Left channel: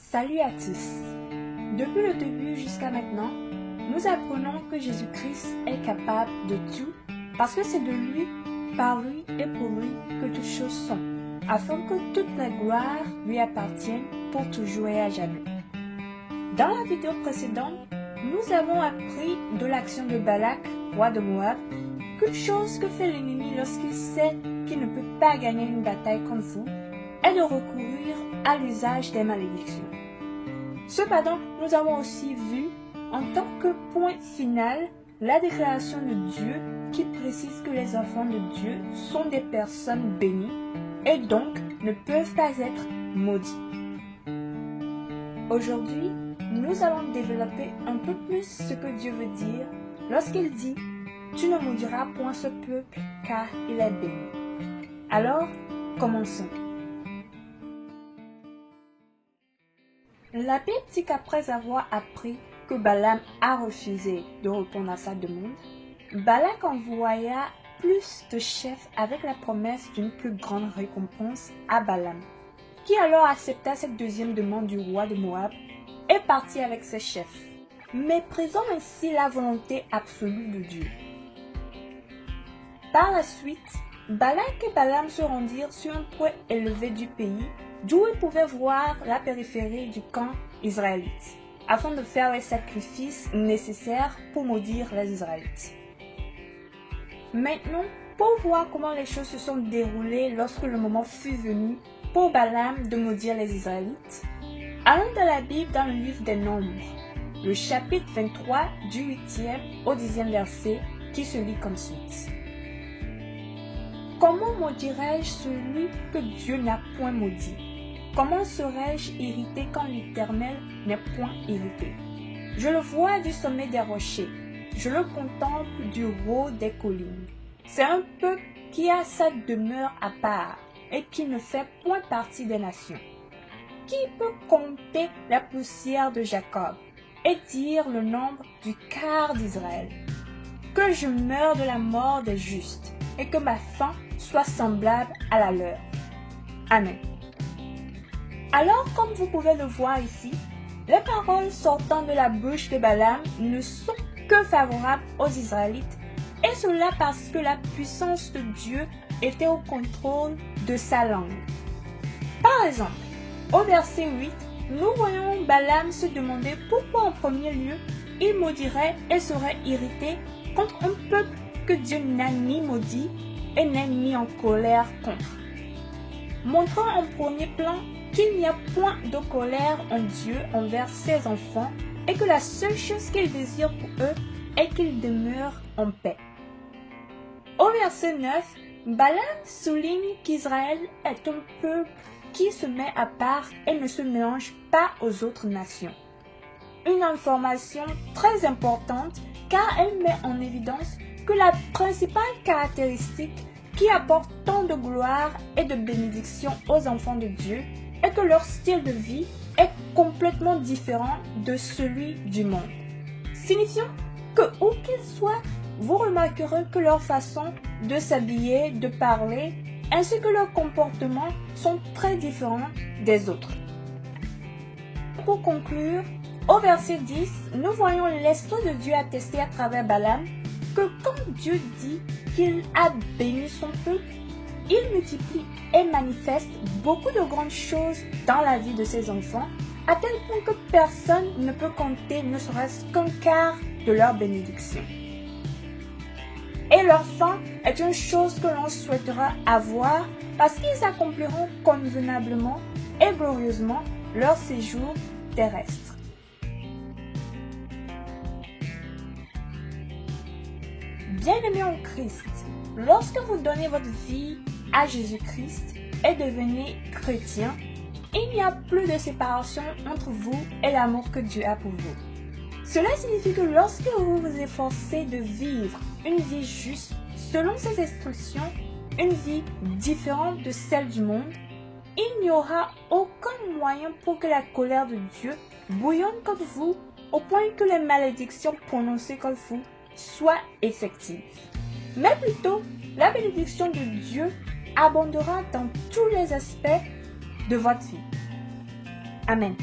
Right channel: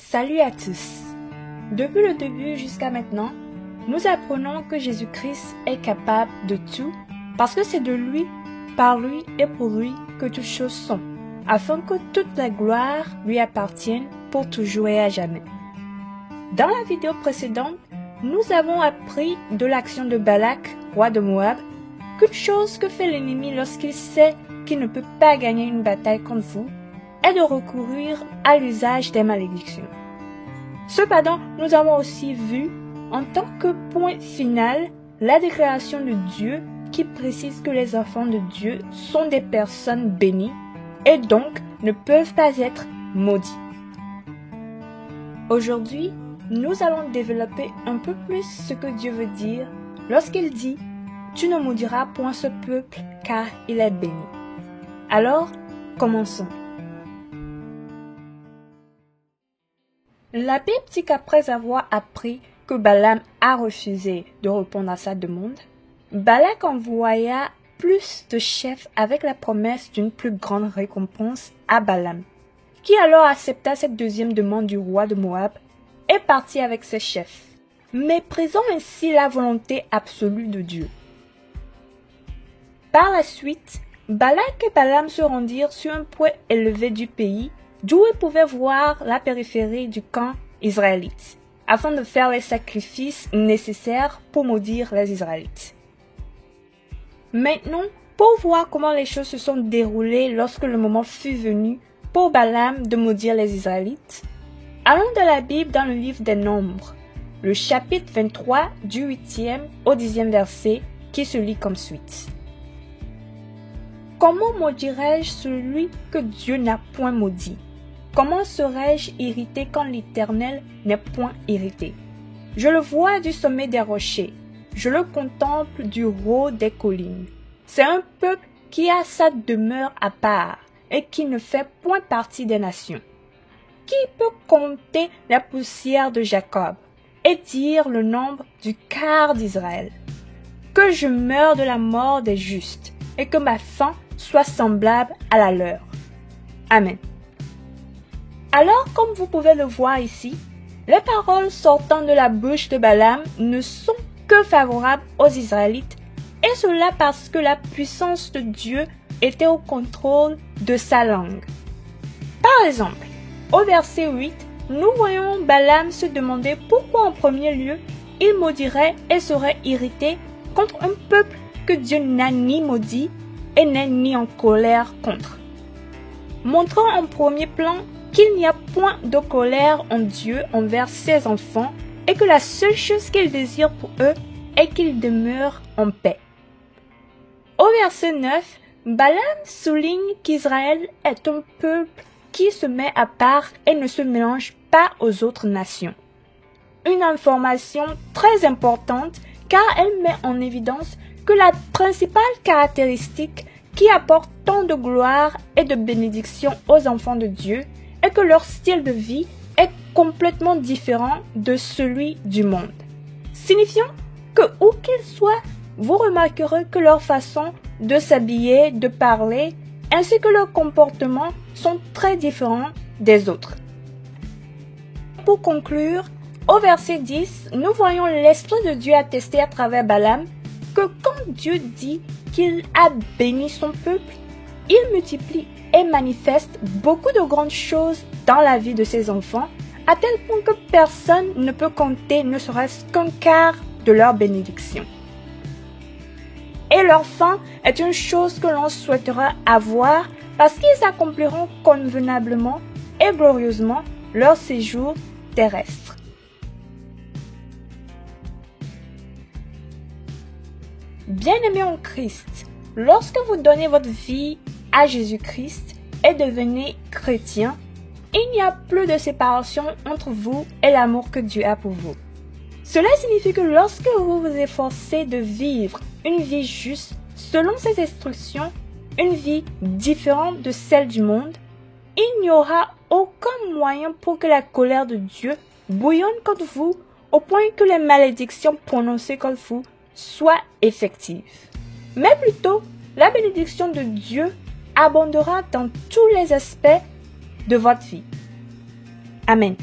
Salut à tous! Depuis le début jusqu'à maintenant, nous apprenons que Jésus-Christ est capable de tout parce que c'est de lui, par lui et pour lui que toutes choses sont, afin que toute la gloire lui appartienne pour toujours et à jamais. Dans la vidéo précédente, nous avons appris de l'action de Balak, roi de Moab, qu'une chose que fait l'ennemi lorsqu'il sait qu'il ne peut pas gagner une bataille contre vous est de recourir à l'usage des malédictions. Cependant, nous avons aussi vu, en tant que point final, la déclaration de Dieu qui précise que les enfants de Dieu sont des personnes bénies et donc ne peuvent pas être maudits. Aujourd'hui, nous allons développer un peu plus ce que Dieu veut dire lorsqu'il dit « Tu ne maudiras point ce peuple car il est béni ». Alors, commençons. La Bible dit qu'après avoir appris que Balaam a refusé de répondre à sa demande, Balak envoya plus de chefs avec la promesse d'une plus grande récompense à Balaam, qui alors accepta cette deuxième demande du roi de Moab et partit avec ses chefs, méprisant ainsi la volonté absolue de Dieu. Par la suite, Balak et Balaam se rendirent sur un point élevé du pays, d'où ils pouvaient voir la périphérie du camp israélite, afin de faire les sacrifices nécessaires pour maudire les Israélites. Maintenant, pour voir comment les choses se sont déroulées lorsque le moment fut venu pour Balaam de maudire les Israélites, allons dans la Bible dans le livre des Nombres, le chapitre 23 du 8e au 10e verset qui se lit comme suite. Comment maudirais-je celui que Dieu n'a point maudit? Comment serais-je irrité quand l'Éternel n'est point irrité? Je le vois du sommet des rochers, je le contemple du haut des collines. C'est un peuple qui a sa demeure à part et qui ne fait point partie des nations. Qui peut compter la poussière de Jacob et dire le nombre du quart d'Israël? Que je meure de la mort des justes et que ma fin soit semblable à la leur. Amen. Alors, comme vous pouvez le voir ici, les paroles sortant de la bouche de Balaam ne sont que favorables aux Israélites, et cela parce que la puissance de Dieu était au contrôle de sa langue. Par exemple, au verset 8, nous voyons Balaam se demander pourquoi en premier lieu il maudirait et serait irrité contre un peuple que Dieu n'a ni maudit et n'est ni en colère contre. Montrant en premier plan qu'il n'y a point de colère en Dieu envers ses enfants et que la seule chose qu'il désire pour eux est qu'ils demeurent en paix. Au verset 9, Balaam souligne qu'Israël est un peuple qui se met à part et ne se mélange pas aux autres nations. Une information très importante car elle met en évidence que la principale caractéristique qui apporte tant de gloire et de bénédiction aux enfants de Dieu est que leur style de vie est complètement différent de celui du monde. Signifiant que où qu'ils soient, vous remarquerez que leur façon de s'habiller, de parler, ainsi que leur comportement sont très différents des autres. Pour conclure, au verset 10, nous voyons l'Esprit de Dieu attester à travers Balaam que quand Dieu dit qu'il a béni son peuple, il multiplie et manifeste beaucoup de grandes choses dans la vie de ses enfants, à tel point que personne ne peut compter ne serait-ce qu'un quart de leur bénédiction. Et leur fin est une chose que l'on souhaitera avoir parce qu'ils accompliront convenablement et glorieusement leur séjour terrestre. Bien-aimés en Christ, lorsque vous donnez votre vie à Jésus-Christ et devenez chrétien, il n'y a plus de séparation entre vous et l'amour que Dieu a pour vous. Cela signifie que lorsque vous vous efforcez de vivre une vie juste selon ses instructions, une vie différente de celle du monde, il n'y aura aucun moyen pour que la colère de Dieu bouillonne contre vous au point que les malédictions prononcées contre vous soient effectives. Mais plutôt, la bénédiction de Dieu abondera dans tous les aspects de votre vie. Amen.